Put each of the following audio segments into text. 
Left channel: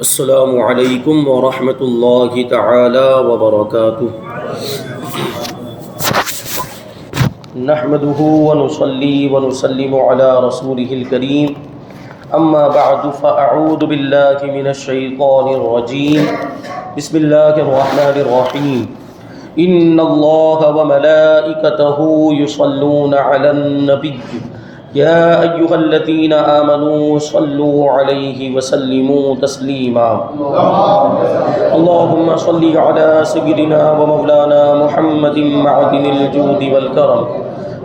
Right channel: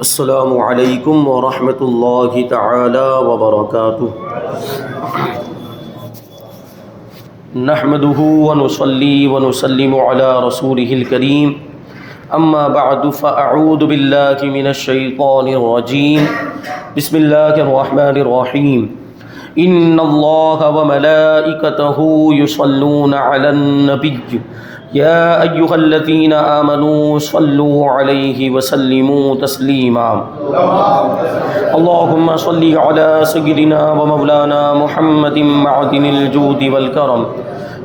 السلام علیکم ورحمۃ اللہ تعالی وبرکاتہ۔ نحمده ونصلي ونسلم على رسوله الكريم، اما بعد فاعوذ باللہ من الشیطان الرجیم، بسم اللہ الرحمن الرحیم۔ ان اللہ وملائکتہ یصلون علی النبی یا ایہا الذین آمنوا صلوا علیہ وسلموا تسلیما۔ اللہم صل علی سیدنا ومولانا محمد معدن الجود والکرم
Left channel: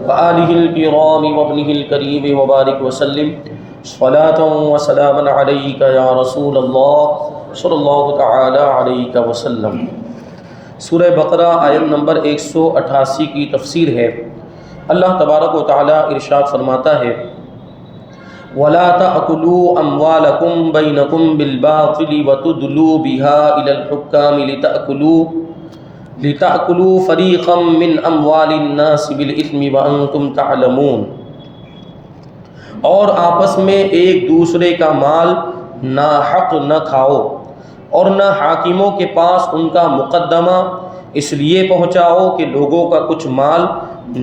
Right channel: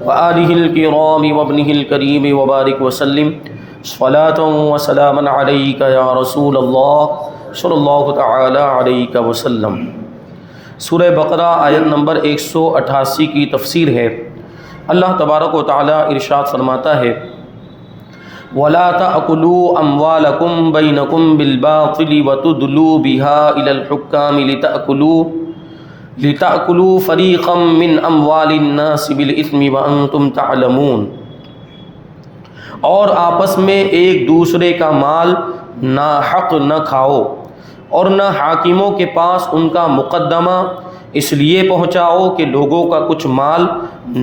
وآلہ الکرام وابنہ الکریم وبارک وسلم صلاۃ وسلاما علیک یا رسول اللہ صلی اللہ تعالی علیہ وسلم۔ سورہ بقرہ آیت نمبر 188 کی تفسیر ہے۔ اللہ تبارک و تعالی ارشاد فرماتا ہے، وَلَا تَأْكُلُوا أَمْوَالَكُمْ بَيْنَكُمْ بِالْبَاطِلِ وَتُدْلُوا بِهَا إِلَى الْحُكَّامِ لِتَأْكُلُوا فَرِيقًا مِّنْ أَمْوَالِ النَّاسِ بِالْإِثْمِ وَأَنْتُمْ تَعْلَمُونَ۔ اور آپس میں ایک دوسرے کا مال ناحق نہ کھاؤ، اور نہ حاکموں کے پاس ان کا مقدمہ اس لیے پہنچاؤ کہ لوگوں کا کچھ مال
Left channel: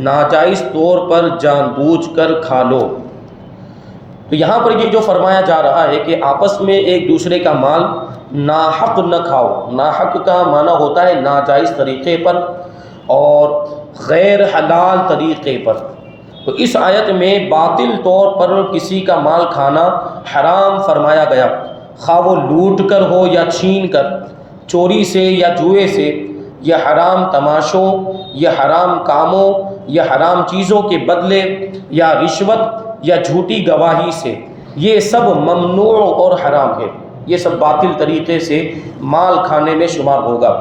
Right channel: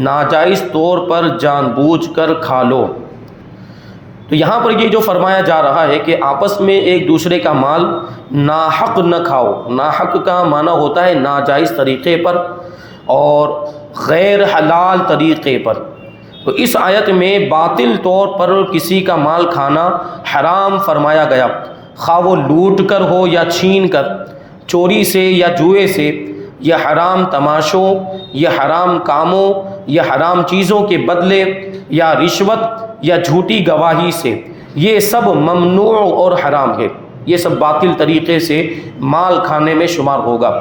ناجائز طور پر جان بوجھ کر کھا لو۔ تو یہاں پر یہ جو فرمایا جا رہا ہے کہ آپس میں ایک دوسرے کا مال ناحق نہ کھاؤ۔ ناحق کا معنی ہوتا ہے ناجائز طریقے پر اور غیر حلال طریقے پر۔ تو اس آیت میں باطل طور پر کسی کا مال کھانا حرام فرمایا گیا، خواہ وہ لوٹ کر ہو یا چھین کر، چوری سے یا جوئے سے، یا حرام تماشوں یا حرام کاموں یا حرام چیزوں کے بدلے یا رشوت یا جھوٹی گواہی سے، یہ سب ممنوع اور حرام ہے۔ یہ سب باطل طریقے سے مال کھانے میں شمار ہوگا۔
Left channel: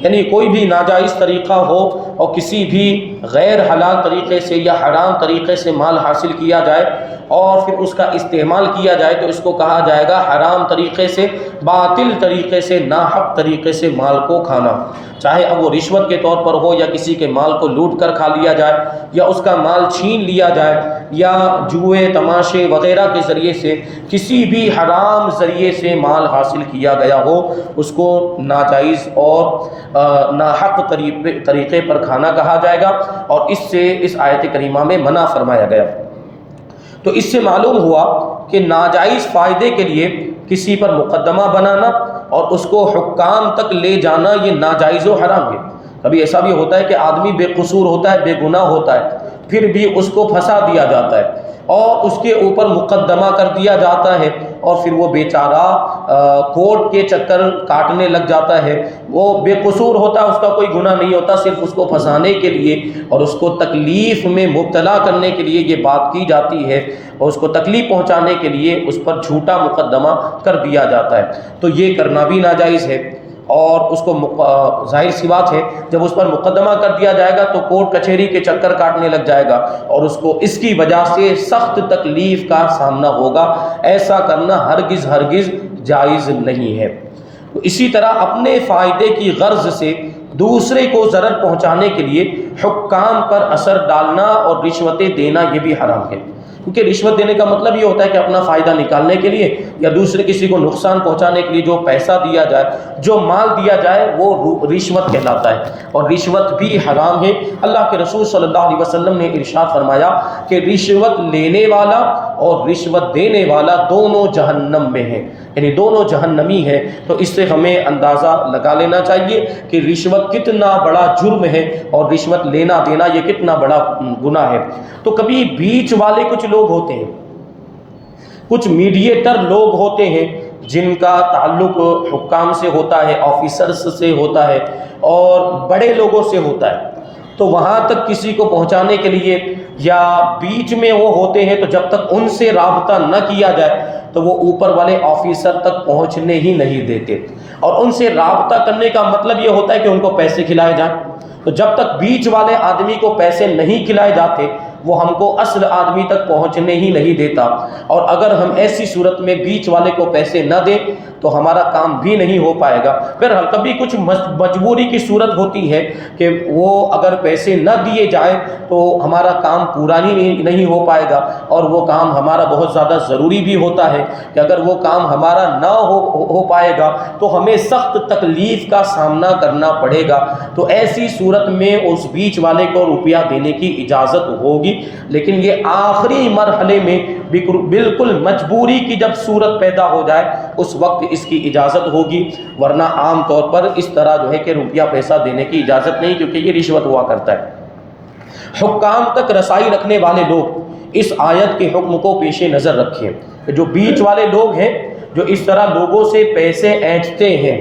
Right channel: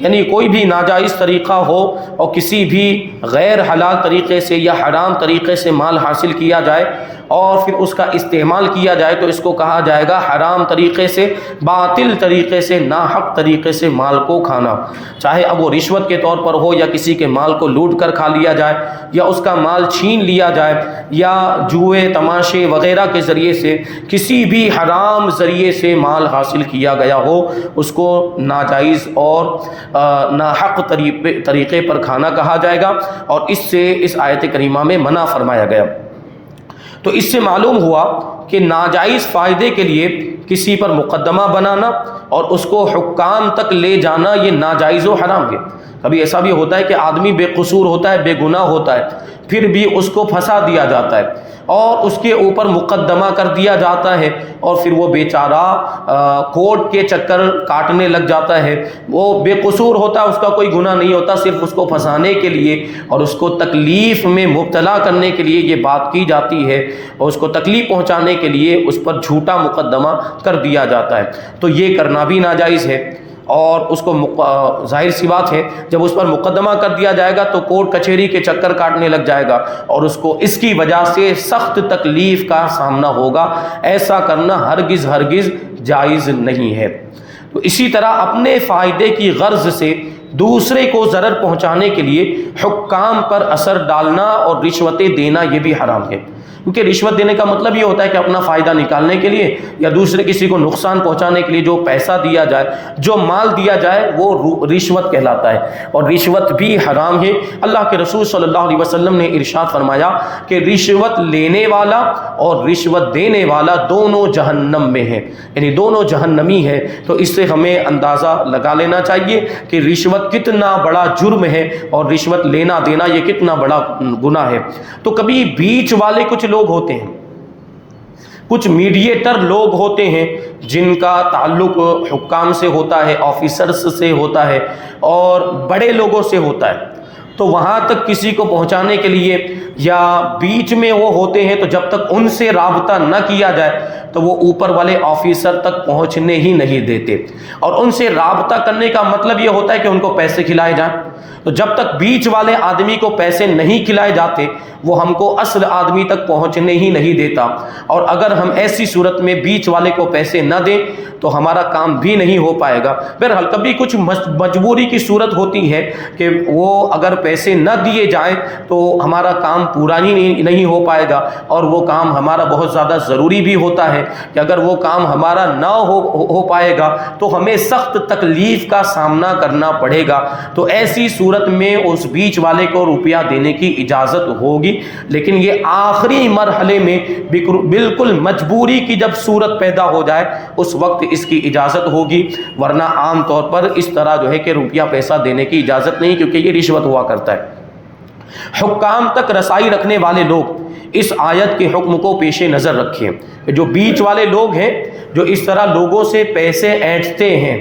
یعنی کوئی بھی ناجائز طریقہ ہو اور کسی بھی غیر حلال طریقے سے یا حرام طریقے سے مال حاصل کیا جائے اور پھر اس کا استعمال کیا جائے تو اس کو کہا جائے گا حرام طریقے سے، باطل طریقے سے، ناحق طریقے سے مال کو کھانا، چاہے اب وہ رشوت کے طور پر ہو یا کسی کے مال کو لوٹ کر کھا لیا جائے یا اس کا مال چھین لیا جائے یا جوئے تماشے وغیرہ کے ذریعے سے کسی بھی حرام ذریعے سے مال حاصل کیا گیا ہو، اس کو ناجائز اور ناحق طریقے پر کھانا کہا جائے گا، اور اس سے اس آیت کریمہ میں منع فرمایا گیا۔ تو اس سے معلوم ہوا کہ ناجائز فائدے کے لیے کسی پر مقدمہ بنانا اور اس کو حکام تک لے جانا یہ ناجائز و حرام ہے۔ کبھی ایسا بھی ہوتا ہے کہ آدمی بے قصور ہوتا ہے، بے گناہ ہوتا ہے، پھر بھی اس کو پھنسا دیا جاتا ہے اور اس کے اوپر مقدمہ کر دیا جاتا ہے، اور پھر وہ بیچارہ کورٹ کے چکر کاٹنے لگ جاتا ہے۔ وہ بے قصور ہوتا ہے، اس کا کوئی گناہ نہیں ہوتا، صرف اس کو پھنسانے کے لیے اور اس کو تکلیف میں مبتلا کرنے کے لیے یہ بات کی جاتی ہے، اور اس کو تکلیف پہنچانے کے لیے اس پر جھوٹا مقدمہ کر دیا جاتا ہے۔ تو یہ کرنا بھی ناجائز ہے، اور اس کو ظاہر سی بات ہے جب اس پر مقدمہ کر دیا جائے گا تو کورٹ کچہری کے چکر کاٹنے لگ جائے گا اور اس کو اس کی وجہ سے سخت تکلیف کا سامنا ہوگا۔ ایسا کرنا ہرگز جائز نہیں ہے۔ تو اسی طرح اپنے فائدے کی غرض سے دوسرے کو ضرر پہنچانے کے لیے حکام پر اثر ڈالنا اور رشوتیں دینا یہ بھی حرام ہے، کیونکہ رشوت دینے کا مطلب یہ ہوتا ہے کہ اپنا فائدہ نکالنے کے لیے یا دوسرے کسی کو نقصان پہنچانے کے لیے جو پیسہ دیا جائے، جو مال دیا جائے وہ رشوت کہلاتا ہے، اور رشوت بھی حرام ہے۔ اللہ کے رسول صلی اللہ علیہ وسلم نے ارشاد فرمایا کہ رشوت لینے والا اور رشوت دینے والا دونوں جہنم میں ہیں، یعنی دونوں جہنمی ہیں۔ تو اس سے ہمیں اندازہ لگا لینا چاہیے کہ رشوت کتنا بڑا جرم ہے اور رشوت لینا دینا یہ کتنا بڑا گناہ ہے۔ تو کبھی بیچ والے کچھ لوگ ہوتے ہیں، کچھ میڈیٹر لوگ ہوتے ہیں جن کا تعلق حکام سے ہوتا ہے، آفیسرز سے ہوتا ہے اور بڑے لوگوں سے ہوتا ہے۔ تو وہاں تک کسی کو پہنچانے کے لیے یا بیچ میں وہ ہوتے ہیں، تو جب تک ان سے رابطہ نہ کیا جائے تو وہ اوپر والے آفیسر تک پہنچنے ہی نہیں دیتے، اور ان سے رابطہ کرنے کا مطلب یہ ہوتا ہے کہ ان کو پیسے کھلائے جائیں، تو جب تک بیچ والے آدمی کو پیسے نہیں کھلائے جاتے وہ ہم کو اصل آدمی تک پہنچنے ہی نہیں دیتا، اور اگر ہم ایسی صورت میں بیچ والے کو پیسے نہ دیں تو ہمارا کام بھی نہیں ہو پائے گا۔ بہرحال کبھی کچھ مجبوری کی صورت ہوتی ہے کہ وہ اگر پیسے نہ دیے جائیں تو ہمارا کام پورا ہی نہیں ہو پائے گا، اور وہ کام ہمارا بہت زیادہ ضروری بھی ہوتا ہے کہ اگر وہ کام ہمارا نہ ہو پائے گا تو ہمیں سخت تکلیف کا سامنا کرنا پڑے گا، تو ایسی صورت میں اس بیچ والے کو روپیہ دینے کی اجازت ہوگی، لیکن یہ آخری مرحلے میں بالکل مجبوری کی جب صورت پیدا ہو جائے اس وقت اس کی اجازت ہوگی، ورنہ عام طور پر اس طرح جو ہے کہ روپیہ پیسہ دینے کی اجازت نہیں، کیونکہ یہ رشوت ہوا کرتا ہے۔ حکام تک رسائی رکھنے والے لوگ اس آیت کے حکم کو پیش نظر رکھیں کہ جو بیچ والے لوگ ہیں جو اس طرح لوگوں سے پیسے اینٹھتے ہیں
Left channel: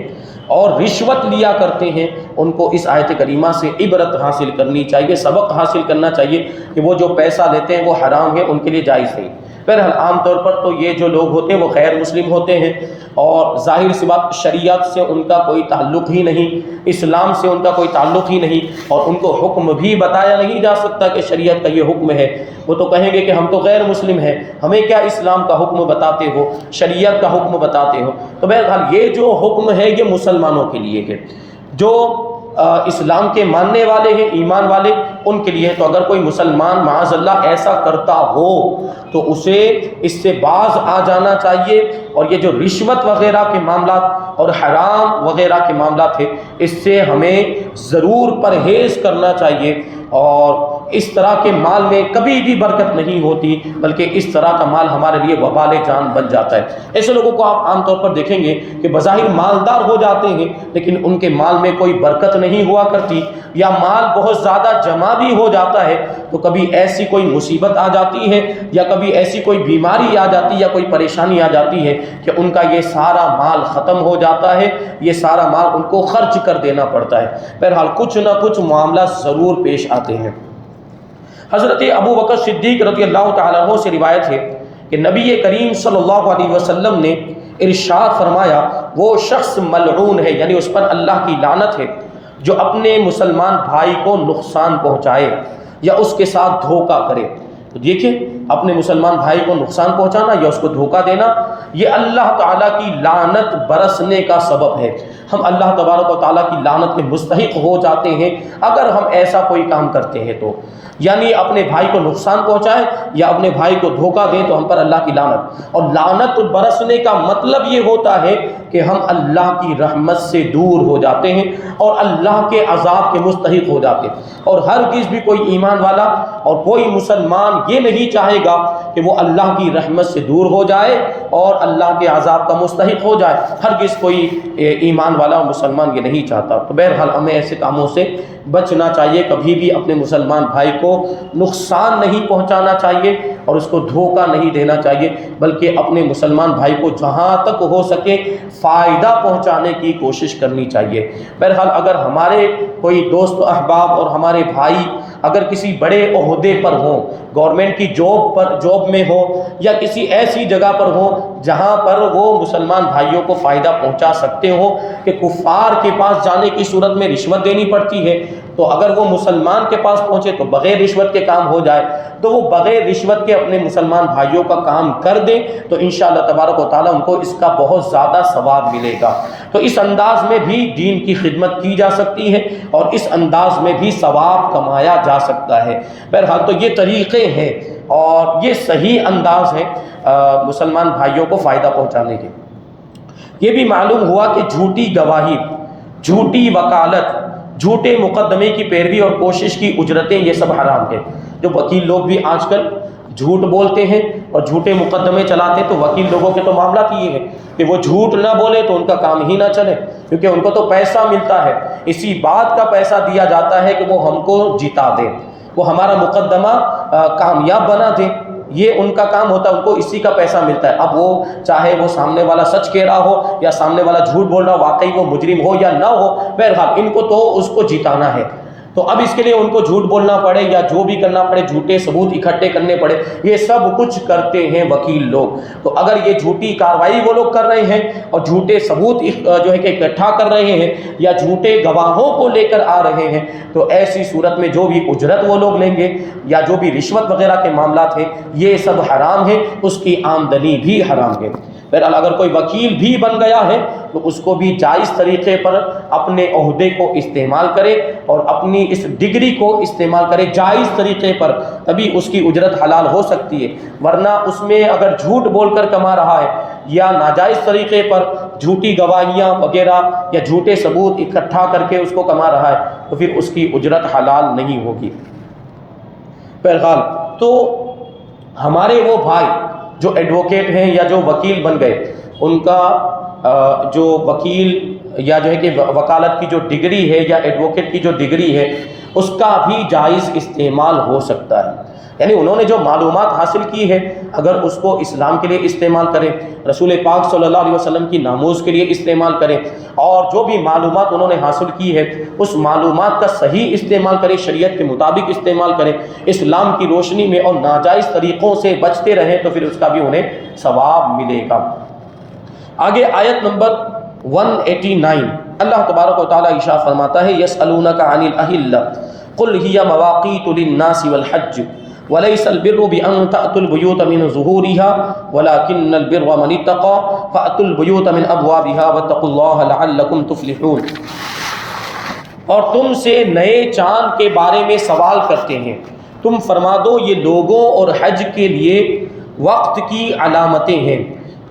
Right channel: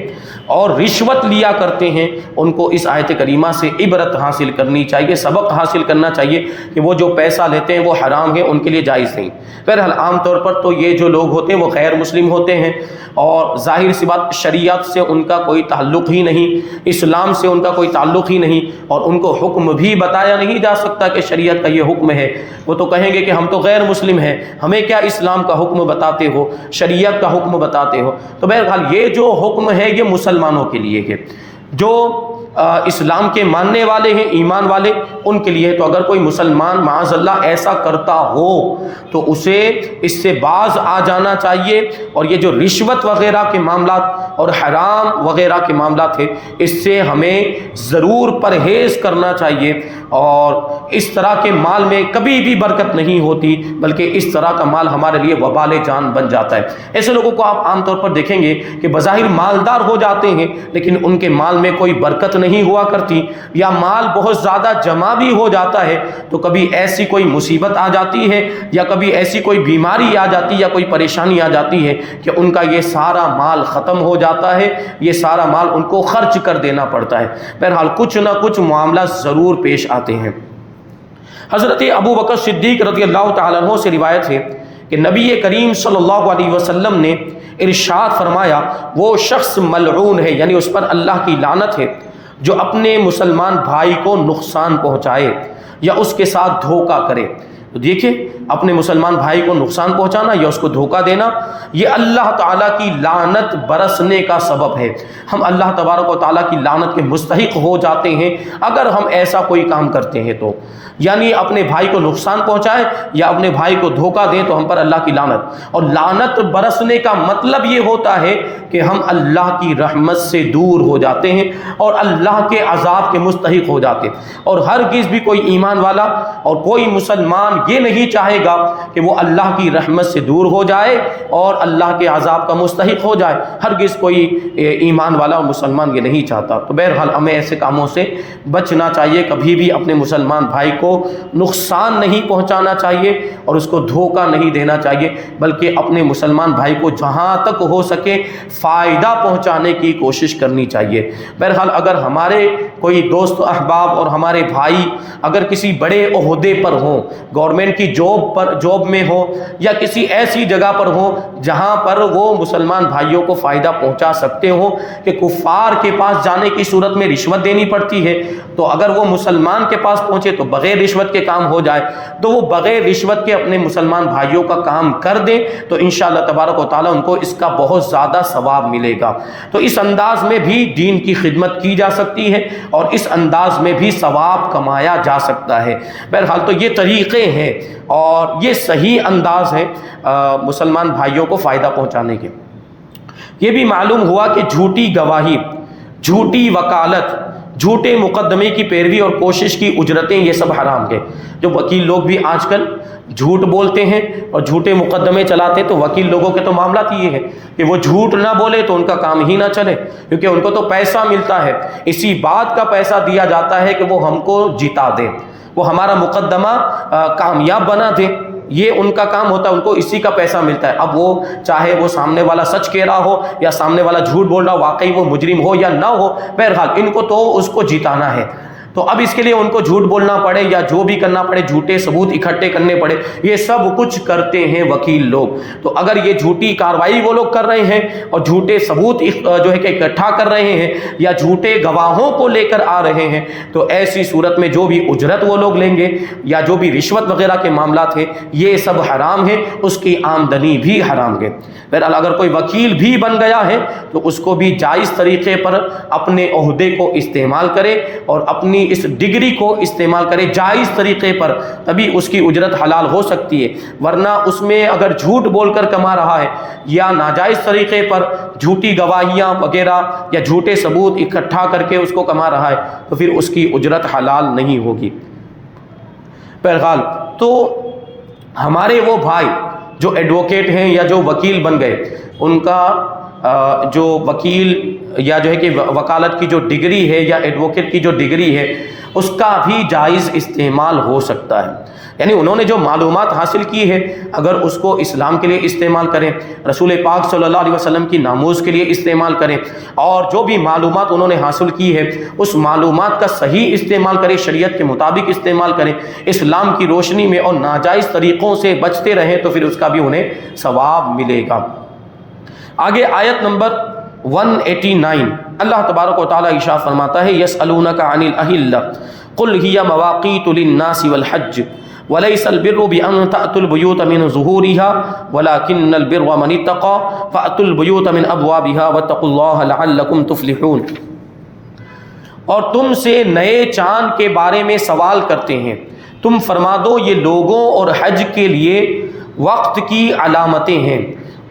اور رشوت لیا کرتے ہیں، ان کو اس آیت کریمہ سے عبرت حاصل کرنی چاہیے، سبق حاصل کرنا چاہیے کہ وہ جو پیسہ لیتے ہیں وہ حرام ہے، ان کے لیے جائز نہیں۔ بہرحال عام طور پر تو یہ جو لوگ ہوتے ہیں وہ غیر مسلم ہوتے ہیں، اور ظاہر سی بات شریعت سے ان کا کوئی تعلق ہی نہیں، اسلام سے ان کا کوئی تعلق ہی نہیں، اور ان کو حکم بھی بتایا نہیں جا سکتا کہ شریعت کا یہ حکم ہے۔ وہ تو کہیں گے کہ ہم تو غیر مسلم ہیں، ہمیں کیا اسلام کا حکم بتاتے ہو، شریعت کا حکم بتاتے ہو۔ تو بہرحال یہ جو حکم ہے یہ مسلمانوں کے لیے ہے، جو اسلام کے ماننے والے ہیں، ایمان والے، ان کے لیے۔ تو اگر کوئی مسلمان معاذ اللہ ایسا کرتا ہو تو اسے اس سے باز آ جانا چاہیے، اور یہ جو رشوت وغیرہ کے معاملات اور حرام وغیرہ کے معاملات ہیں اس سے ہمیں ضرور پرہیز کرنا چاہیے، اور اس طرح کے مال میں کبھی بھی برکت نہیں ہوتی، بلکہ اس طرح کا مال ہمارے لیے وبال جان بن جاتا ہے۔ ایسے لوگوں کو آپ عام طور پر دیکھیں گے کہ بظاہر مالدار ہو جاتے ہیں لیکن ان کے مال میں کوئی برکت نہیں ہوا کرتی، یا مال بہت زیادہ جمع بھی ہو جاتا ہے تو کبھی ایسی کوئی مصیبت آ جاتی ہے یا کبھی ایسی کوئی بیماری آ جاتی ہے یا کوئی پریشانی آ جاتی ہے کہ ان کا یہ سارا مال ختم ہو جاتا ہے، یہ سارا مال ان کو خرچ کر دینا پڑتا ہے۔ بہرحال کچھ نہ کچھ معاملہ ضرور پیش آتے ہیں۔ حضرت ابو بکر صدیق رضی اللہ تعالیٰ عنہ سے روایت ہے کہ نبی کریم صلی اللہ علیہ وسلم نے ارشاد فرمایا، وہ شخص ملعون ہے، یعنی اس پر اللہ کی لعنت ہے، جو اپنے مسلمان بھائی کو نقصان پہنچائے یا اس کے ساتھ دھوکہ کرے۔ تو دیکھیں، اپنے مسلمان بھائی کو نقصان پہنچانا یا اس کو دھوکہ دینا، یہ اللہ تعالیٰ کی لعنت برسنے کا سبب ہے۔ ہم اللہ تبارک و تعالیٰ کی لعنت کے مستحق ہو جاتے ہیں اگر ہم ایسا کوئی کام کرتے ہیں، تو یعنی اپنے بھائی کو نقصان پہنچائیں یا اپنے بھائی کو دھوکہ دیں تو ہم پر اللہ کی لعنت۔ اور لعنت برسنے کا مطلب یہ ہوتا ہے کہ ہم اللہ کی رحمت سے دور ہو جاتے ہیں اور اللہ کے عذاب کے مستحق ہو جاتے ہیں، اور ہرگز بھی کوئی ایمان والا اور کوئی مسلمان یہ نہیں چاہے گا کہ وہ اللہ کی رحمت سے دور ہو جائے اور اللہ کے عذاب کا مستحق ہو جائے، ہرگز کوئی ایمان والا اور مسلمان یہ نہیں چاہتا۔ تو بہرحال ہمیں ایسے کاموں سے بچنا چاہیے، کبھی بھی اپنے مسلمان بھائی کو نقصان نہیں پہنچانا چاہیے اور اس کو دھوکہ نہیں دینا چاہیے، بلکہ اپنے مسلمان بھائی کو جہاں تک ہو سکے فائدہ پہنچانے کی کوشش کرنی چاہیے۔ بہرحال اگر ہمارے کوئی دوست احباب اور ہمارے بھائی اگر کسی بڑے عہدے پر ہوں، گورنمنٹ کی جاب میں ہو یا کسی ایسی جگہ پر ہوں جہاں پر وہ مسلمان بھائیوں کو فائدہ پہنچا سکتے ہوں کہ کفار کے پاس جانے کی صورت میں رشوت دینی پڑتی ہے، تو اگر وہ مسلمان کے پاس پہنچے تو بغیر رشوت کے کام ہو جائے، تو وہ بغیر رشوت کے اپنے مسلمان بھائیوں کا کام کر دیں تو انشاءاللہ تبارک و تعالیٰ ان کو اس کا بہت زیادہ ثواب ملے گا۔ تو اس انداز میں بھی دین کی خدمت کی جا سکتی ہے اور اس انداز میں بھی ثواب کمایا جا سکتا ہے۔ بہرحال تو یہ طریقے ہیں اور یہ صحیح انداز ہے مسلمان بھائیوں کو فائدہ پہنچانے کے۔ یہ بھی معلوم ہوا کہ جھوٹی گواہی، جھوٹی وکالت، جھوٹے مقدمے کی پیروی اور کوشش کی اجرتیں، یہ سب حرام ہے۔ جو وکیل لوگ بھی آج کل جھوٹ بولتے ہیں اور جھوٹے مقدمے چلاتے ہیں، تو وکیل لوگوں کے تو معاملات یہ ہے کہ وہ جھوٹ نہ بولے تو ان کا کام ہی نہ چلے، کیونکہ ان کو تو پیسہ ملتا ہے، اسی بات کا پیسہ دیا جاتا ہے کہ وہ ہم کو جتا دیں، وہ ہمارا مقدمہ کامیاب بنا دیں، یہ ان کا کام ہوتا ہے، ان کو اسی کا پیسہ ملتا ہے۔ اب وہ چاہے وہ سامنے والا سچ کہہ رہا ہو یا سامنے والا جھوٹ بول رہا ہو، واقعی وہ مجرم ہو یا نہ ہو، بہرحال ان کو تو اس کو جتانا ہے۔ تو اب اس کے لیے ان کو جھوٹ بولنا پڑے یا جو بھی کرنا پڑے، جھوٹے ثبوت اکٹھے کرنے پڑے، یہ سب کچھ کرتے ہیں وکیل لوگ۔ تو اگر یہ جھوٹی کارروائی وہ لوگ کر رہے ہیں اور جھوٹے ثبوت جو ہے کہ اکٹھا کر رہے ہیں یا جھوٹے گواہوں کو لے کر آ رہے ہیں، تو ایسی صورت میں جو بھی اجرت وہ لوگ لیں گے یا جو بھی رشوت وغیرہ کے معاملات ہیں، یہ سب حرام ہے، اس کی آمدنی بھی حرام ہے۔ بہرحال اگر کوئی وکیل بھی بن گیا ہے تو اس کو بھی جائز طریقے پر اپنے عہدے کو استعمال کرے اور اپنی اس ڈگری کو استعمال کرے جائز طریقے پر، تبھی اس کی اجرت حلال ہو سکتی ہے۔ ورنہ اس میں اگر جھوٹ بول کر کما رہا ہے یا ناجائز طریقے پر جھوٹی گواہیاں وغیرہ یا جھوٹے ثبوت اکٹھا کر کے اس کو کما رہا ہے، تو پھر اس کی اجرت حلال نہیں ہوگی۔ بہرحال تو ہمارے وہ بھائی جو ایڈوکیٹ ہیں یا جو وکیل بن گئے، ان کا جو وکیل یا جو ہے کہ وکالت کی جو ڈگری ہے یا ایڈوکیٹ کی جو ڈگری ہے، اس کا بھی جائز استعمال ہو سکتا ہے۔ یعنی انہوں نے جو معلومات حاصل کی ہے، اگر اس کو اسلام کے لیے استعمال کریں، رسول پاک صلی اللہ علیہ وسلم کی ناموز کے لیے استعمال کریں، اور جو بھی معلومات انہوں نے حاصل کی ہے اس معلومات کا صحیح استعمال کریں، شریعت کے مطابق استعمال کریں، اسلام کی روشنی میں، اور ناجائز طریقوں سے بچتے رہیں، تو پھر اس کا بھی انہیں ثواب ملے گا۔ آگے آیت نمبر 189 اللہ تبارک و تعالیٰ ارشاد فرماتا ہے، یسألونک عن الأہلہ قل ہی مواقیت للناس والحج وليس البر بأن تأتوا البيوت من ظهورها ولكن البر من اتقى فأتوا البيوت من أبوابها واتقوا الله لعلكم تفلحون۔ اور تم سے نئے چاند کے بارے میں سوال کرتے ہیں، تم فرما دو یہ لوگوں اور حج کے لیے وقت کی علامتیں ہیں،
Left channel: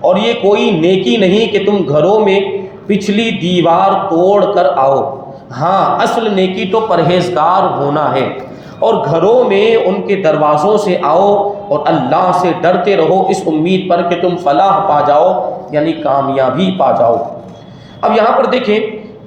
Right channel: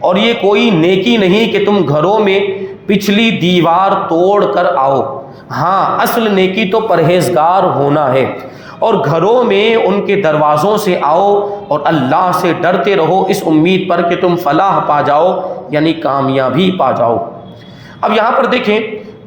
اور یہ کوئی نیکی نہیں کہ تم گھروں میں پچھلی دیوار توڑ کر آؤ، ہاں اصل نیکی تو پرہیزگار ہونا ہے، اور گھروں میں ان کے دروازوں سے آؤ اور اللہ سے ڈرتے رہو اس امید پر کہ تم فلاح پا جاؤ، یعنی کامیابی پا جاؤ۔ اب یہاں پر دیکھیں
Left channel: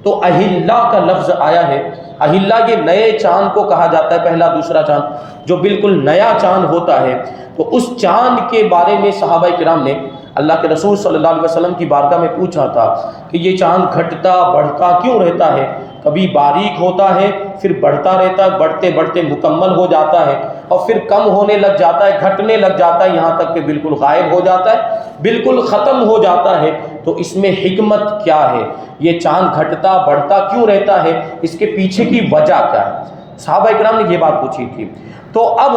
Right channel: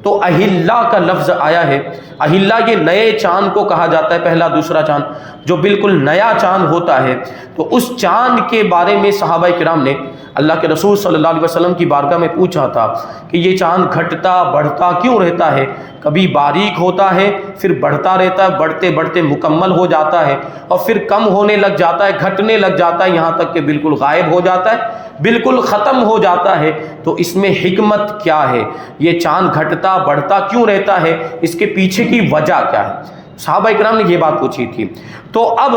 تو اہلہ کا لفظ آیا ہے۔ اہلہ یہ نئے چاند کو کہا جاتا ہے، پہلا دوسرا چاند جو بالکل نیا چاند ہوتا ہے، تو اس چاند کے بارے میں صحابہ کرام نے اللہ کے رسول صلی اللہ علیہ وسلم کی بارگاہ میں پوچھا تھا کہ یہ چاند گھٹتا بڑھتا کیوں رہتا ہے؟ کبھی باریک ہوتا ہے پھر بڑھتا رہتا ہے، بڑھتے بڑھتے مکمل ہو جاتا ہے اور پھر کم ہونے لگ جاتا ہے، گھٹنے لگ جاتا ہے، یہاں تک کہ بالکل غائب ہو جاتا ہے، بالکل ختم ہو جاتا ہے۔ تو اس میں حکمت کیا ہے؟ یہ چاند گھٹتا بڑھتا کیوں رہتا ہے؟ اس کے پیچھے کی وجہ کیا ہے؟ صحابہ اکرام نے یہ بات پوچھی تھی۔ تو اب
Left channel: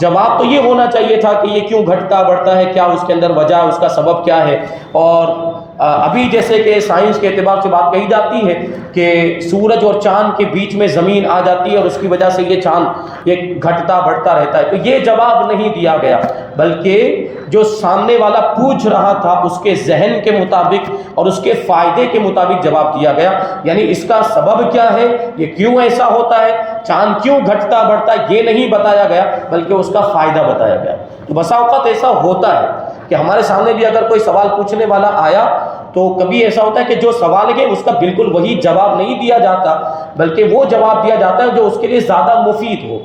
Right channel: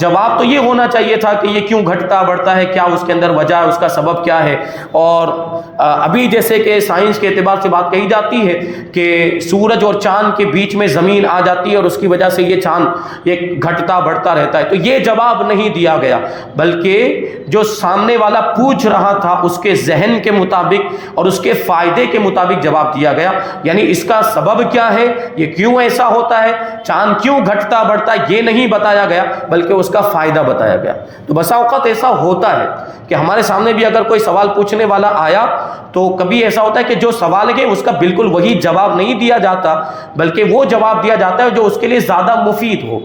جواب تو یہ ہونا چاہیے تھا کہ یہ کیوں گھٹتا بڑھتا ہے، کیا اس کے اندر وجہ ہے، اس کا سبب کیا ہے۔ اور ابھی جیسے کہ سائنس کے اعتبار سے بات کہی جاتی ہے کہ سورج اور چاند کے بیچ میں زمین آ جاتی ہے اور اس کی وجہ سے یہ چاند یہ گھٹتا بڑھتا رہتا ہے، تو یہ جواب نہیں دیا گیا، بلکہ جو سامنے والا پوچھ رہا تھا اس کے ذہن کے مطابق اور اس کے فائدے کے مطابق جواب دیا گیا۔ یعنی اس کا سبب کیا ہے، یہ کیوں ایسا ہوتا ہے، چاند کیوں گھٹتا بڑھتا ہے، یہ نہیں بتایا گیا بلکہ اس کا فائدہ بتایا گیا۔ تو بسا اوقات ایسا ہوتا ہے کہ ہمارے سامنے بھی اگر کوئی سوال پوچھنے والا آیا تو کبھی ایسا ہوتا ہے کہ جو سوال ہے اس کا بالکل وہی جواب نہیں دیا جاتا، بلکہ وہ جواب دیا جاتا ہے جو اس کے لیے زیادہ مفید ہو،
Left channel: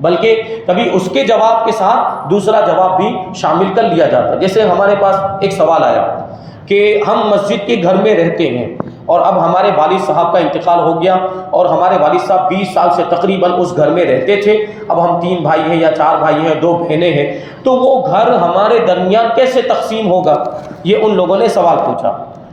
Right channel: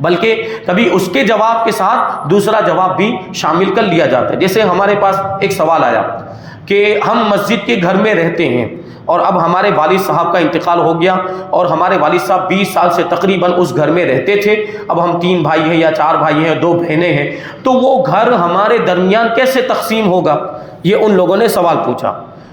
بلکہ کبھی اس کے جواب کے ساتھ دوسرا جواب بھی شامل کر لیا جاتا ہے۔ جیسے ہمارے پاس ایک سوال آیا کہ ہم مسجد کے گھر میں رہتے ہیں اور اب ہمارے والد صاحب کا انتقال ہو گیا اور ہمارے والد صاحب 20 سال سے تقریباً اس گھر میں رہتے تھے، اب ہم 3 بھائی ہیں یا 4 بھائی ہیں، 2 بہنیں ہیں، تو وہ گھر ہمارے درمیان کیسے تقسیم ہوگا؟ یہ ان لوگوں نے سوال پوچھا۔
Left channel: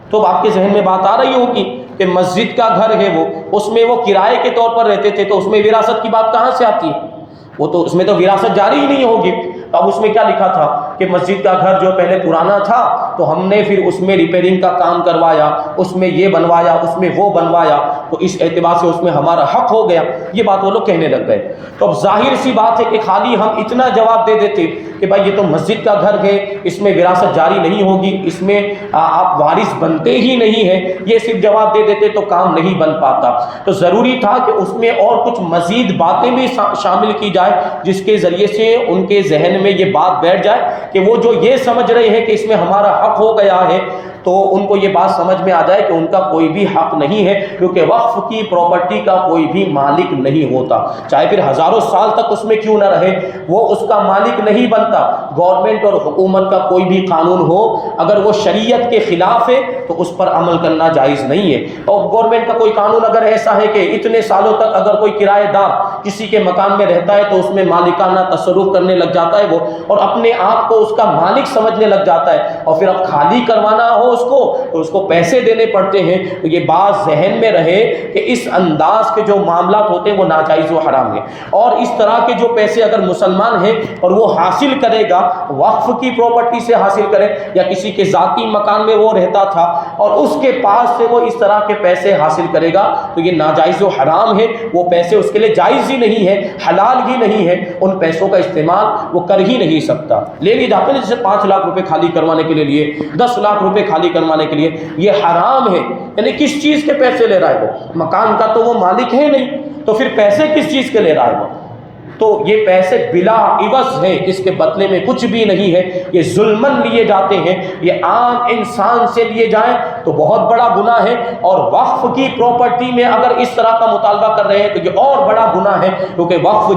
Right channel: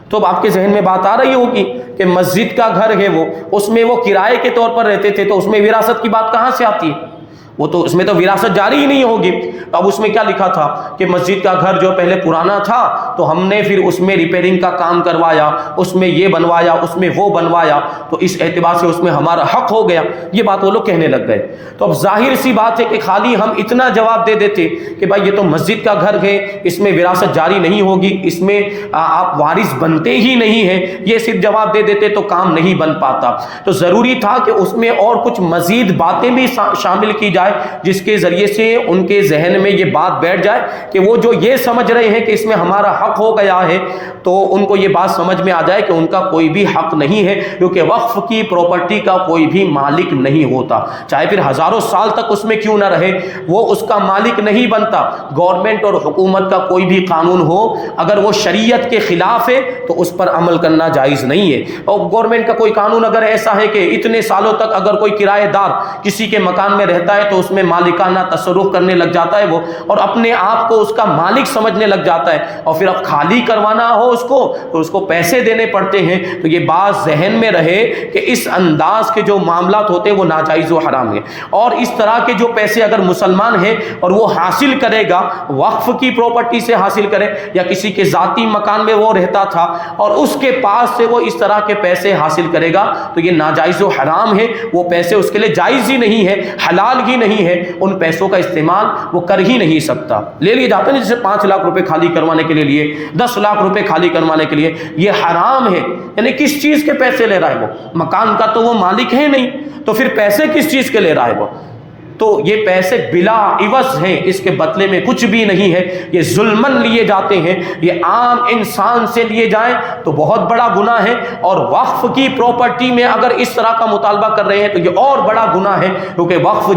تو اب آپ کے ذہن میں بات آ رہی ہوگی کہ مسجد کا گھر ہے وہ، اس میں وہ کرائے کے طور پر رہتے تھے، تو اس میں وراثت کی بات کہاں سے آتی ہے؟ وہ تو اس میں تو وراثت جاری ہی نہیں ہوگی۔ اب اس میں کیا لکھا تھا کہ مسجد کا گھر جو پہلے پرانا تھا تو ہم نے پھر اس میں ریپیئرنگ کا کام کروایا، اس میں یہ بنوایا، اس میں وہ بنوایا، تو اس اعتبار سے اس میں ہمارا حق ہو گیا۔ یہ بات وہ لوگ کہنے لگ گئے۔ تو اب ظاہر سی بات ہے کہ خالی ہم اتنا جواب دے دیتے کہ بھائی یہ تو مسجد کا گھر ہے، اس میں وراثت جاری نہیں ہوگی، اس میں آپ وارث بنتے ہی نہیں ہیں، یہ صرف جواب دے دیتے تو کام نہیں بن پاتا۔ تو ضروری تھا کہ اس میں اور کچھ مزید باتیں بھی شامل کی جائے جس کے ذریعے سے ان کے ذہن میں یہ بات بیٹھ جائے کہ وہ جو یہ سمجھ رہے ہیں کہ اس میں ہمارا حق ہو گیا ہے، تو ان کو یہ بات سمجھ میں آ جائے کہ ان کا کوئی بھی حق نہیں ہے، کیونکہ وقف کی پراپرٹی کا کوئی بھی مالک نہیں ہوتا، چاہے پھر ہزاروں سال تک اس میں کیوں نہ رہے، وہ اس کا مالک نہیں بنتا۔ گورنمنٹ اور حکومت کا کوئی بھی قانون ہو، اگر وہ شریعت کے خلاف ہے تو اس پر عمل کرنا جائز نہیں ہے۔ اور گورنمنٹ کا کوئی قانون اگر ایسا ہے کہ اتنے سالوں تک اگر کوئی کرایہ دار کسی کے مکان میں رہتا ہے تو اس میں مالکانہ تصرف کرنے لگ جاتا ہے وہ، اور اپنے آپ کو اس کا مالک سمجھنے لگ جاتا ہے، اور پھر اب خالی کروانا ہو اس کو تو اس کو پیسے دینے پڑتے ہیں، تو یہ بات ذہن میں رہے کہ اس انداز کے جو معاملات ہوتے ہیں وہ ناجائز و حرام ہیں۔ اور اس طرح کے جو پیسے اگر مسلمان ہیں اور وہ حاصل کرے گا، وقف کی پراپرٹی سے حاصل کرے یا کسی کے ذاتی مکان میں وہ رہتا تھا اور اس کے پاس سے وہ اس طرح کے پیسے حاصل کرے گا، تو یہ ناجائز و حرام ہے، وہ پیسے اس کے لیے جائز ہی نہیں ہے، حلال ہی نہیں ہے، ان پیسوں کا استعمال وہ کر ہی نہیں سکتا۔ لے لیے جاتے ہیں جیسے 5 لاکھ روپے خالی کروانے کے لیے، 10 لاکھ روپے خالی کروانے کے لیے، یہ حرام ہے۔ یعنی کس چیز کے پیسے لے رہا ہے وہ؟ مکان کا تو وہ مالک ہے نہیں، تو پھر پیسے کس چیز کے لے رہا ہے وہ؟ تو یہ پیسے بلا عوض ہیں، اس کے بدلے میں کچھ بھی نہیں ہے، یہ ظلمن لیے جاتے ہیں، یہ عام انسان سے لیے جائیں تو بہت بڑا گناہ ہے، اور وقف کی پراپرٹی میں اگر اس طرح کا مطالبہ کر رہے ہیں تو یہ اور بڑا گناہ ہے، کیونکہ وقف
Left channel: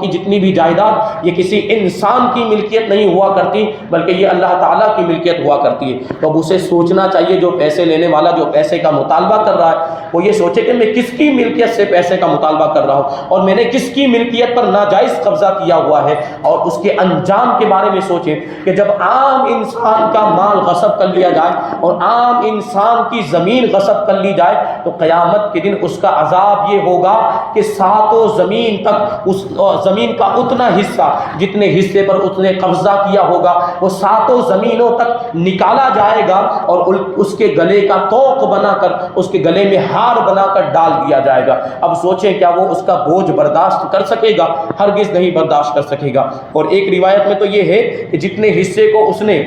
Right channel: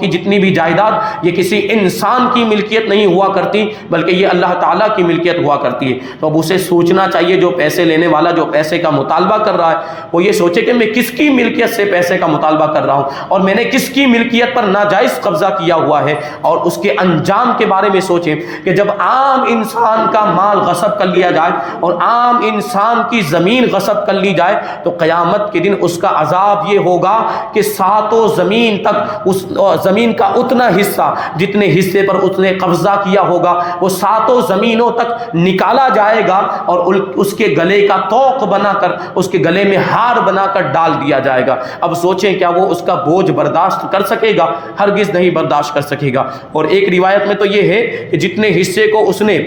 کی جتنی بھی جائیداد یہ کسی انسان کی ملکیت نہیں ہوا کرتی، بلکہ یہ اللہ تعالیٰ کی ملکیت ہوا کرتی ہے۔ تو اب اسے سوچنا چاہیے، جو پیسے لینے والا جو پیسے کا مطالبہ کر رہا ہے وہ یہ سوچے کہ میں کس کی ملکیت سے پیسے کا مطالبہ کر رہا ہوں، اور میں نے کس کی ملکیت پر ناجائز قبضہ کیا ہوا ہے، اور اس کے انجام کے بارے میں سوچیں کہ جب عام انسان کا مال غصب کر لیا جائے اور عام انسان کی زمین غصب کر لی جائے تو قیامت کے دن اس کا عذاب یہ ہوگا کہ 7 زمین تک اس زمین کا اتنا حصہ جتنے حصے پر اس نے قبضہ کیا ہوگا وہ 7 زمینوں تک نکالا جائے گا، اور اس کے گلے کا طوق بنا کر اس کے گلے میں ہار بنا کر ڈال دیا جائے گا۔ اب سوچیں کیا وہ اس کا بوجھ برداشت کر سکے گا؟ ہرگز نہیں برداشت کر سکے گا۔ اور ایک روایت میں تو یہ ہے کہ جتنے حصے کو اس نے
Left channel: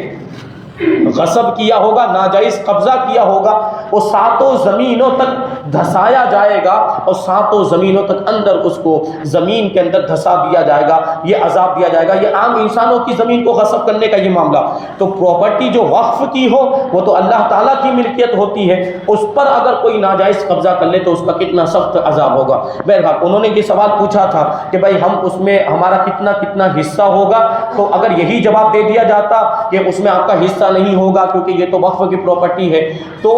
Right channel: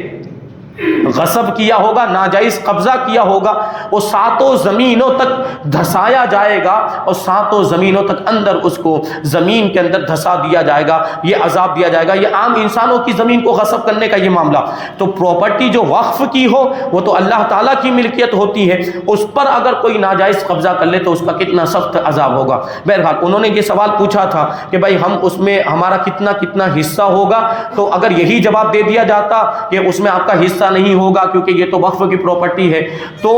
غصب کیا ہوگا، ناجائز قبضہ کیا ہوگا، وہ 7 زمینوں تک دھسایا جائے گا، اور 7 زمینوں تک اندر اس کو زمین کے اندر دھسا دیا جائے گا، یہ عذاب دیا جائے گا۔ یہ عام انسانوں کی زمین کو غصب کرنے کا یہ معاملہ، تو پراپرٹی جو وقف کی ہو وہ تو اللہ تعالیٰ کی ملکیت ہوتی ہے، اس پر اگر کوئی ناجائز قبضہ کر لے تو اس کا کتنا سخت عذاب ہوگا۔ بہرحال انہوں نے یہ سوال پوچھا تھا کہ بھائی ہم اس میں ہمارا کتنا حصہ ہوگا، تو اگر یہی جواب دے دیا جاتا کہ اس میں آپ کا حصہ نہیں ہوگا کیونکہ یہ تو وقف کی پراپرٹی ہے، تو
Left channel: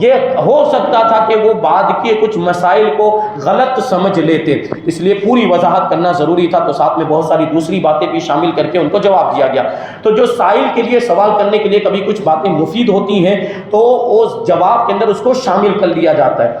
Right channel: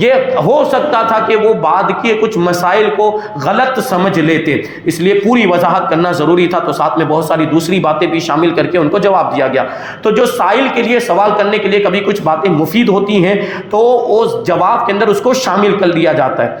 یہ ہو سکتا تھا کہ وہ بعد کے کچھ مسائل کو غلط سمجھ لیتے، اس لیے پوری وضاحت کرنا ضروری تھا، تو ساتھ میں بہت ساری دوسری باتیں بھی شامل کر کے ان کو جواب دیا گیا۔ تو جو سائل کے لیے سوال کرنے کے لیے کبھی کچھ باتیں مفید ہوتی ہیں تو اس جواب کے اندر اس کو شامل کر لیا جاتا ہے،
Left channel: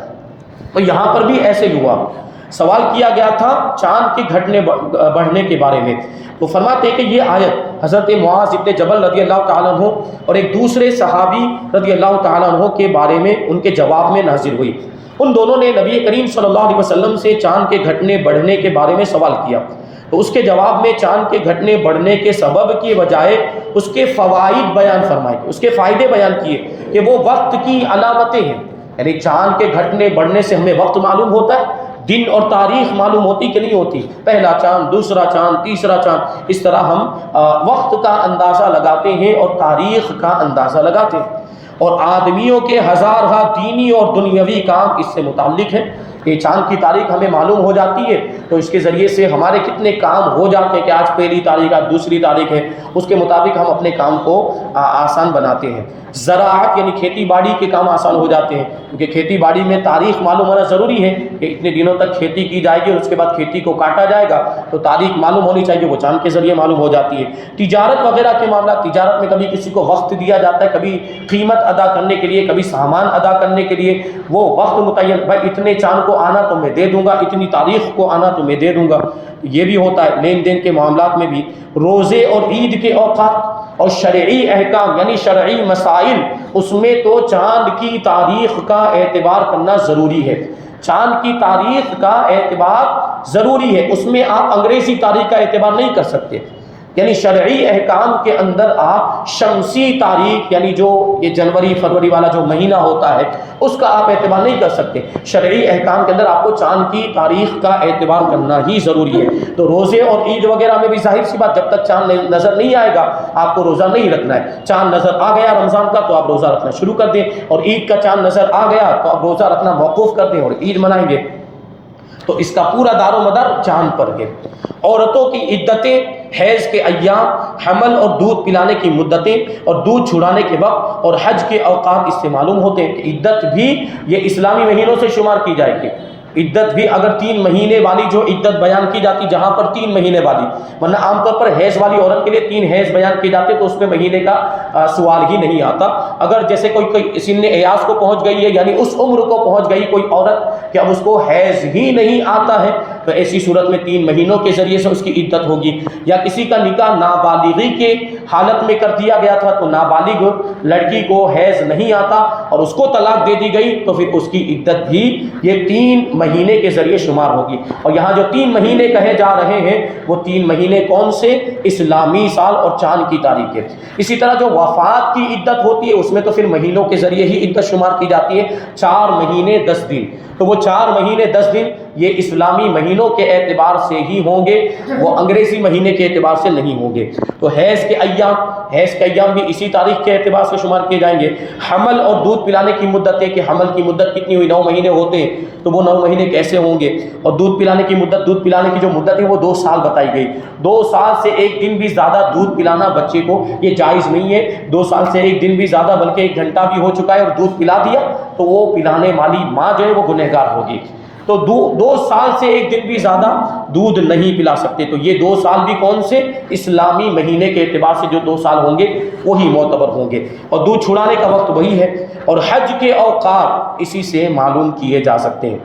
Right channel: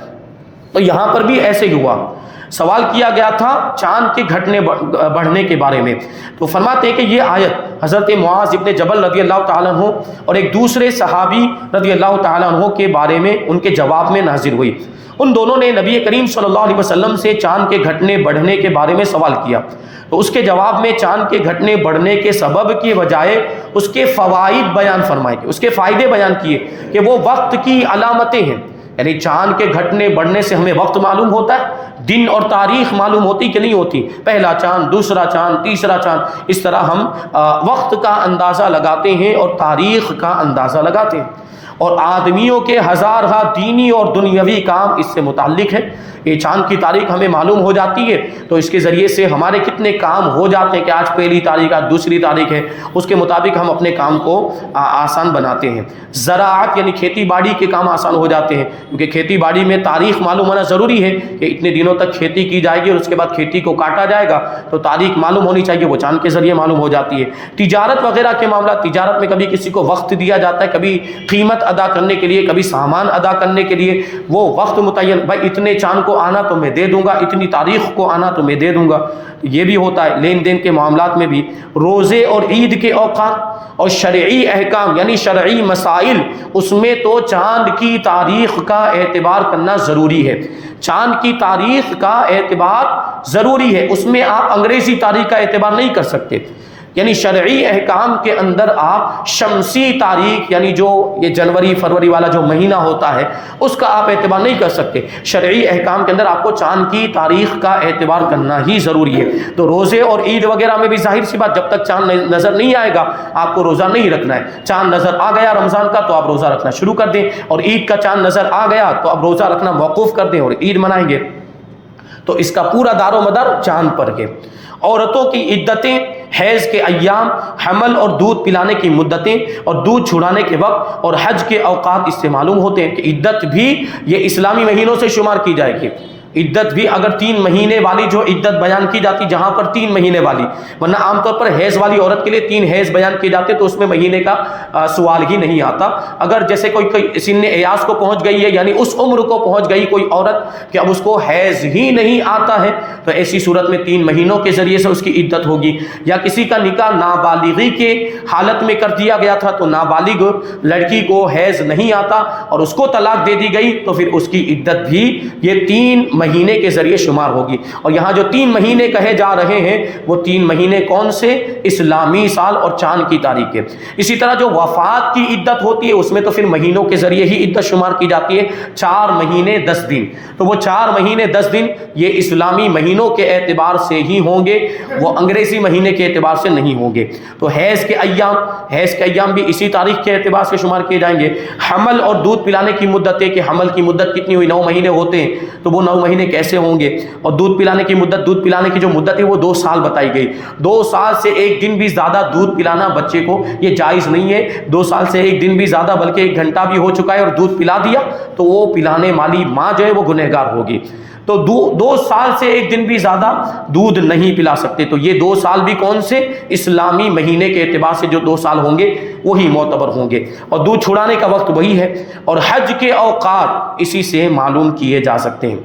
تو یہاں پر بھی ایسے ہی ہوا۔ سوال کیا گیا تھا چاند کے گھٹنے بڑھنے کے بارے میں، تو فرماتے ہیں کہ یہ آیت حضرت معاذ ابن جبل رضی اللہ تعالیٰ عنہ اور ایک دوسرے صحابی رضی اللہ تعالیٰ عنہ کے بارے میں ان کے جواب میں نازل ہوئی۔ ان دونوں نے نبی کریم صلی اللہ علیہ وسلم سے چاند کے گھٹنے بڑھنے کے بارے میں سوال کیا، تو اس کے جواب میں چاند کے گھٹنے بڑھنے کے سبب کی بجائے اس کے فوائد بیان فرمائے، اس کے فائدے بیان کیے کہ وہ وقت کی علامتیں ہیں، یعنی چاند کے گھٹنے بڑھنے سے ہمیں وقت معلوم ہوتا ہے، دن اور تاریخ معلوم ہوتی کہ نہیں ہوتی، پہلا چاند، دوسرا چاند، تیسرا چاند، اس طرح ہم وقت کا اندازہ لگاتے ہیں اور تاریخ کا اندازہ لگاتے ہیں، اور آدمیوں کے ہزارہ دینی اور دنیاوی کام اس سے متعلق ہیں۔ یہ چاند کی تاریخ ہمیں معلوم ہو جاتی ہے تو اس کے ذریعے سے ہمارے کتنے کام ہو جاتے ہیں کہ آج پہلی تاریخ، آج دوسری تاریخ ہے، اس کے مطابق ہم اپنے کام کو آسان بناتے ہیں۔ زراعت یعنی کھیتی باڑی کے کام آسان ہو جاتے ہیں، کیونکہ کھیتی باڑی میں تاریخ معلوم ہونا ضروری ہے کہ اتنے دنوں تک کھیتی کی جائے گی اور اس کے بعد کھیتی کو کاٹا جائے گا، تو تاریخ معلوم ہونی چاہیے، وہ چاند کے ذریعے معلوم ہو جاتی ہے۔ تجارت وغیرہ کے معاملات، تجارت میں کبھی کسی کو وقت دیا جاتا ہے، کبھی قیمت ادا کرنے کے لیے، کبھی سامان ادا کرنے کے لیے وہ وقت متعین، بھائی اتنے چاند کو آنا تو میں دے دوں گا، اتنی تاریخ کو آنا تو میں دے دوں گا، یہ بھی ہوتا ہے۔ لین دین کے معاملات میں بھی، روزے اور عید کے اوقات اور شرعی احکام یعنی شرعی مسائل، اس میں تو چاند کی تاریخ کا اعتبار کرنا ضروری ہے، چاند کی تاریخ کا اعتبار ضروری ہے، اس میں آپ انگریزی تاریخ کا اعتبار نہیں کر سکتے یعنی شرعی احکام کے اندر آپ شمسی تاریخ یعنی جو یہ جنوری فروری والا جو مہینہ ہوتا ہے اس کا آپ اعتبار نہیں کر سکتے. شرعی احکام کے اندر آپ کو چاند کی تاریخ کا اعتبار کرنا ہی ضروری ہے. تو روزے اور عید وغیرہ میں بھی ظاہر سی بات جب تک چاند نظر نہیں آئے گا آپ کو روزہ نہیں رکھنا ہے. چاند نظر آ گیا رمضان کا تو آپ روزہ رکھنا شروع کر دیں, اور عید کا چاند نظر آ گیا تو آپ روزہ رکھنا موقوف کر دیں اور عید منائیں گے. تو اس کا پورا دار و مدار چاند پر ہے. عورتوں کی عدتیں, حیض کے ایام, حمل اور دودھ پلانے کی مدتیں اور دودھ چھڑانے کے وقت اور حج کے اوقات اس سے معلوم ہوتے ہیں کہ عدت بھی یہ اسلامی مہینوں سے شمار کی جائے گی. عدت بھی اگر 3 مہینے والی جو عدت بیان کی جاتی جہاں پر 3 مہینے والی, ورنہ عام طور پر حیض والی عورت کے لیے 3 حیض بیان کیے جاتے تو اس میں مہینے کا سوال ہی نہیں آتا. اگر جیسے کوئی سن ایاس کو پہنچ گئی ہے یعنی اس عمر کو پہنچ گئی کوئی عورت کہ اب اس کو حیض ہی نہیں آتا ہے تو ایسی صورت میں 3 مہینوں کے ذریعے سے اس کی عدت ہوگی. یا کسی کا نکاح نابالغی کے حالت میں کر دیا گیا تھا تو نابالغ لڑکی کو حیض نہیں آتا اور اس کو طلاق دے دی گئی تو پھر اس کی عدت بھی یہ 3 مہینے کے ذریعے شمار ہوگی. اور یہاں جو 3 مہینے کہے جا رہے ہیں وہ 3 مہینے کون سے؟ اسلامی سال اور چاند کی تاریخ ہے. اسی طرح جو وفات کی عدت ہوتی ہے اس میں تو پھر مہینوں کے ذریعے ہی عدت شمار کی جاتی ہے. 4 مہینے 10 دن, تو وہ 4 مہینے 10 دن یہ اسلامی مہینوں کے اعتبار سے ہی ہوں گے, وہ انگریزی مہینے کے اعتبار سے نہیں ہوں گے. تو حیض کے ایام بھی اسی تاریخ کے اعتبار سے شمار کیے جائیں گے. حمل اور دودھ پلانے کی مدت ہے کہ حمل کی مدت کتنی ہوئی, 9 مہینے ہوتے ہیں تو وہ 9 مہینے کیسے ہوں گے. اور دودھ پلانے کی مدت, دودھ پلانے کی جو مدت ہے وہ 2 سال بتائی گئی. 2 سال سے 1 دن بھی زیادہ دودھ پلانا بچے کو یہ جائز نہیں ہے. 2 سال سے 1 دن بھی زیادہ بلکہ 1 گھنٹہ بھی ہو چکا ہے اور دودھ پلا دیا تو وہ پلانے والی ماں جو ہے وہ گنہگار ہوگی. تو 2 سال سے 1 دن بھی زیادہ دودھ نہیں پلا سکتے. تو یہ 2 سال بھی کون سے؟ اسلامی مہینے کے اعتبار سے جو 2 سال ہوں گے وہی معتبر ہوں گے. اور دودھ چھڑانے کا وقت وہی ہے. اور حج کے اوقات اسی سے معلوم کیے جا سکتے ہیں,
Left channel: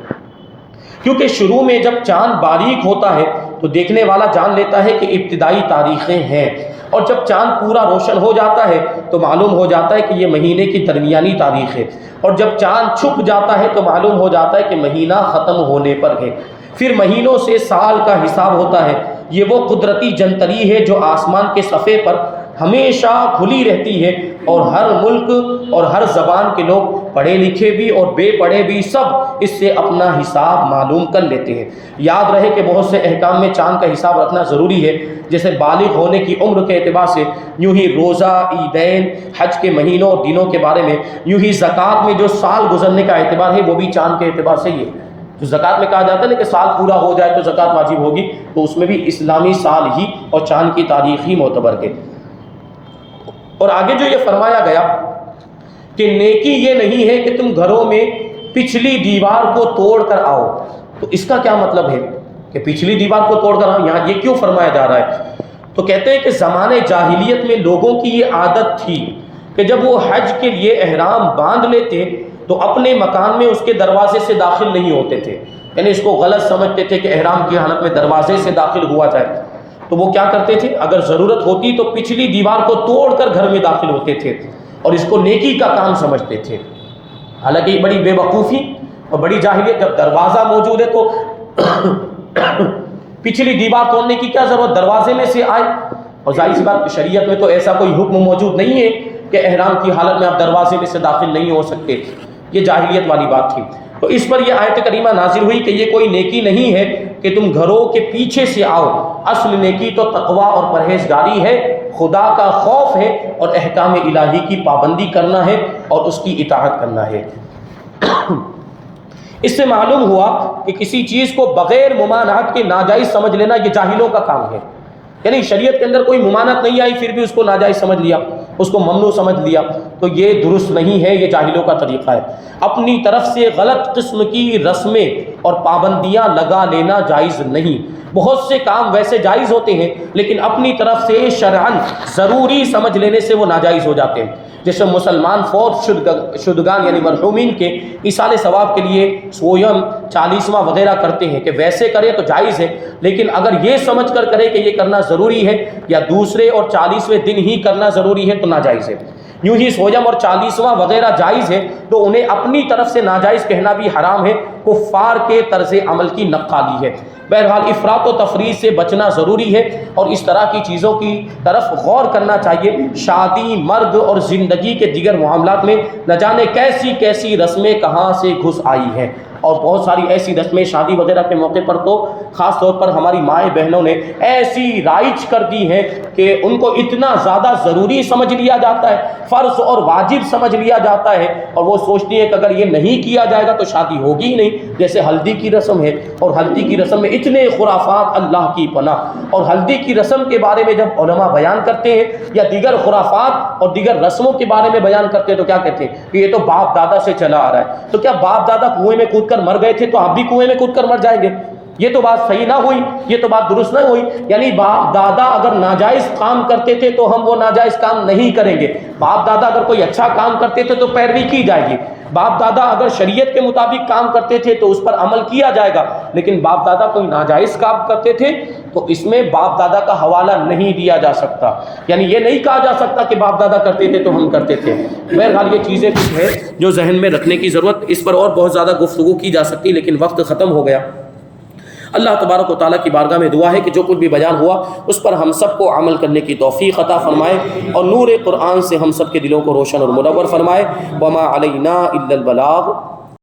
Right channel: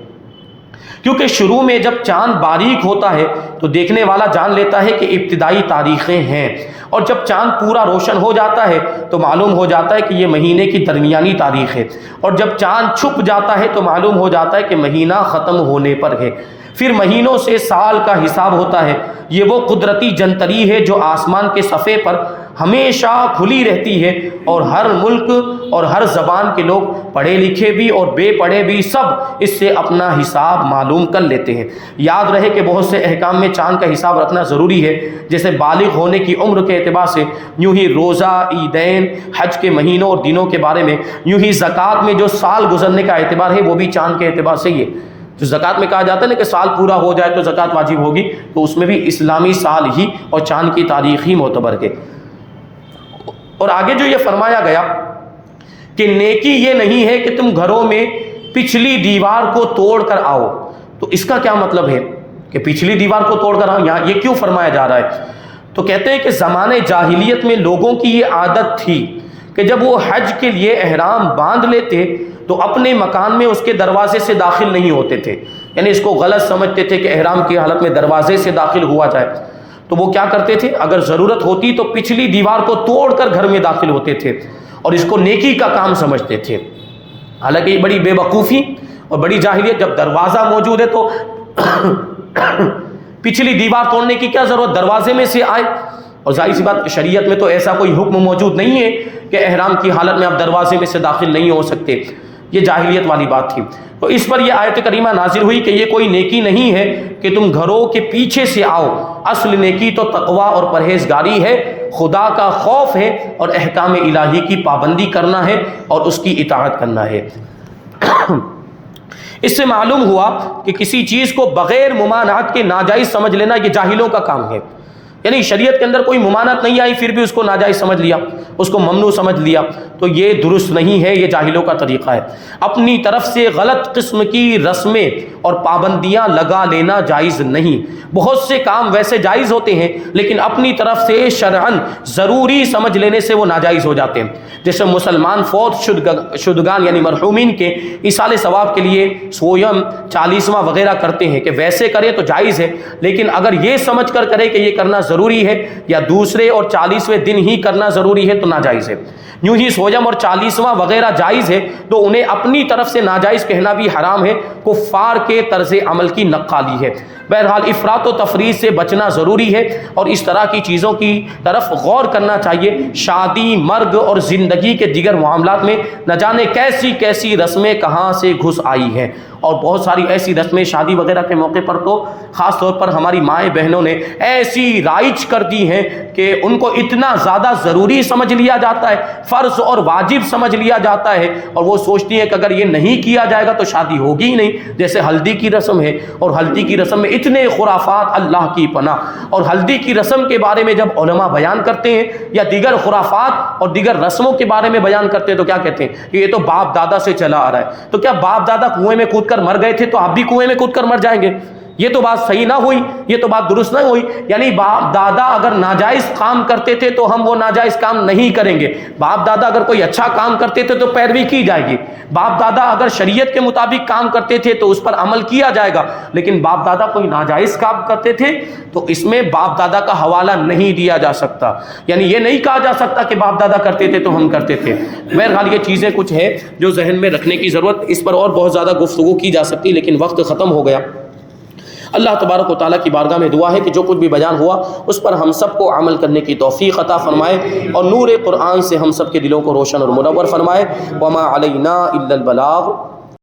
کیونکہ شروع میں جب چاند باریک ہوتا ہے تو دیکھنے والا جان لیتا ہے کہ ابتدائی تاریخیں ہیں, اور جب چاند پورا روشن ہو جاتا ہے تو معلوم ہو جاتا ہے کہ یہ مہینے کی درمیانی تاریخ ہے, اور جب چاند چھپ جاتا ہے تو معلوم ہو جاتا ہے کہ مہینہ ختم ہونے پر ہے. پھر مہینوں سے سال کا حساب ہوتا ہے. یہ وہ قدرتی جنتری ہے جو آسمان کے صفحے پر ہمیشہ کھلی رہتی ہے, اور ہر ملک اور ہر زبان کے لوگ پڑھے لکھے بھی اور بے پڑھے بھی سب اس سے اپنا حساب معلوم کر لیتے ہیں. یاد رہے کہ بہت سے احکام میں چاند کا حساب رکھنا ضروری ہے, جیسے بالغ ہونے کی عمر کے اعتبار سے, یوں ہی روزہ, عیدین, حج کے مہینوں اور دنوں کے بارے میں, یوں ہی زکوٰۃ میں جو سال گزرنے کا اعتبار ہے وہ بھی چاند کے اعتبار سے ہی ہے. جو زکوٰۃ میں کہا جاتا ہے نا کہ سال پورا ہو جائے تو زکوٰۃ واجب ہوگی, تو اس میں بھی اسلامی سال ہی اور چاند کی تاریخ ہی معتبر ہے. اور آگے جو یہ فرمایا گیا کہ نیکی یہ نہیں ہے کہ تم گھروں میں پچھلی دیوار کو توڑ کر آؤ, تو اس کا کیا مطلب ہے کہ پچھلی دیوار کو توڑ کر آؤ, یہاں یہ کیوں فرمایا جا رہا ہے؟ تو کہتے ہیں کہ زمانے جاہلیت میں لوگوں کی یہ عادت تھی کہ جب وہ حج کے لیے احرام باندھ لیتے تو اپنے مکان میں اس کے دروازے سے داخل نہیں ہوتے تھے, یعنی اس کو غلط سمجھتے تھے کہ احرام کی حالت میں دروازے سے داخل ہوا جائے. تو وہ کیا کرتے تھے, اگر ضرورت ہوتی تو پچھلی دیوار کو توڑ کر گھر میں داخل ہوتے تھے اور اس کو نیکی کا کام سمجھتے تھے. حالانکہ یہ بڑی بے وقوفی اور بڑی جاہلیت, جب دروازہ موجود ہے تو پچھلی دیوار توڑنے کی کیا ضرورت, دروازے میں سے آئے. اور ظاہر سی بات شریعت میں تو ایسا کوئی حکم موجود نہیں ہے کہ احرام کی حالت میں آپ دروازے میں سے داخل نہیں ہو سکتے, یہ جاہلیت والی بات تھی. تو اس پر یہ آیت کریمہ نازل ہوئی کہ یہ کوئی نیکی نہیں ہے کہ تم گھروں کے پیچھے سے آؤ, اصل نیکی تو تقویٰ اور پرہیزگاری ہے, خدا کا خوف ہے اور احکام الہی کی پابندی کرنا ہے اور اس کی اطاعت کرنا ہے. اس سے معلوم ہوا کہ کسی چیز کو بغیر ممانعت کے ناجائز سمجھ لینا یہ جاہلوں کا کام ہے. یعنی شریعت کے اندر کوئی ممانعت نہیں آئی پھر بھی اس کو ناجائز سمجھ لیا, اس کو ممنوع سمجھ لیا, تو یہ درست نہیں ہے, یہ جاہلوں کا طریقہ ہے. اپنی طرف سے غلط قسم کی رسمیں اور پابندیاں لگا لینا جائز نہیں. بہت سے کام ویسے جائز ہوتے ہیں لیکن اپنی طرف سے شرعاً ضروری سمجھ لینے سے وہ ناجائز ہو جاتے ہیں. جیسے مسلمان فوت شدگان یعنی مرحومین کے ایصال ثواب کے لیے سویم 40واں وغیرہ کرتے ہیں کہ ویسے کرے تو جائز ہے, لیکن اگر یہ سمجھ کر کرے کہ یہ کرنا ضروری ہے یا دوسرے اور 40ویں دن ہی کرنا ضروری ہے تو ناجائز ہے. یوں ہی سویم اور 40واں وغیرہ جائز ہے تو انہیں اپنی طرف سے ناجائز کہنا بھی حرام ہے, کفار کے طرز عمل کی نقالی ہے۔ بہرحال افراط و تفریط سے بچنا ضروری ہے اور اس طرح کی چیزوں کی طرف غور کرنا چاہیے۔ شادی، مرگ اور زندگی کے دیگر معاملات میں نہ جانے کیسی کیسی رسمیں کہاں سے گھس آئی ہیں، اور بہت ساری ایسی رسمیں شادی وغیرہ کے موقع پر تو خاص طور پر ہماری مائیں بہنوں نے ایسی رائج کر دی ہیں کہ ان کو اتنا زیادہ ضروری سمجھ لیا جاتا ہے، فرض اور واجب سمجھ لیا جاتا ہے، اور وہ سوچتی ہے کہ اگر یہ نہیں کیا جائے گا تو شادی ہوگی ہی نہیں۔ جیسے ہلدی کی رسم ہے، اور ہلدی کی رسم میں اتنے خرافات، اللہ کی پناہ۔ اور ہلدی کی رسم کے بارے میں جب علماء بیان کرتے ہیں یا دیگر خرافات اور دیگر رسموں کے بارے میں بیان کرتے ہیں تو کیا کہتے ہیں کہ یہ تو باپ دادا سے چلا آ رہا ہے۔ تو کیا باپ دادا کنویں میں کود کر مر گئے تھے تو آپ بھی کنویں میں کود کر مر جائیں گے؟ یہ تو بات صحیح نہ ہوئی، یہ تو بات درست نہ ہوئی۔ یعنی باپ دادا اگر ناجائز کام کرتے تھے تو ہم وہ ناجائز کام نہیں کریں گے، باپ دادا اگر کوئی اچھا کام کرتے تھے تو پیروی کی جائے گی، باپ دادا اگر شریعت کے مطابق کام کرتے تھے تو اس پر عمل کیا جائے گا۔ لیکن باپ دادا کوئی ناجائز کام کرتے تھے تو اس میں باپ دادا کا حوالہ نہیں دیا جا سکتا، یعنی یہ نہیں کہا جا سکتا کہ باپ دادا کرتے تھے تو ہم کرتے تھے۔ بہرحال یہ چیزیں کچھ ہیں جو ذہن میں رکھنے کی ضرورت، اس پر اور بہت زیادہ گفتگو کی جا سکتی لیکن وقت ختم ہو گیا۔ اللہ تبارک و تعالیٰ کی بارگاہ میں دعا ہے کہ جو کچھ بھی بیان ہوا اس پر ہم سب کو عمل کرنے کی توفیق عطا فرمائے، اور نور قرآن سے ہم سب کے دلوں کو روشن اور منور فرمائے۔ وما علینا الا البلاغ۔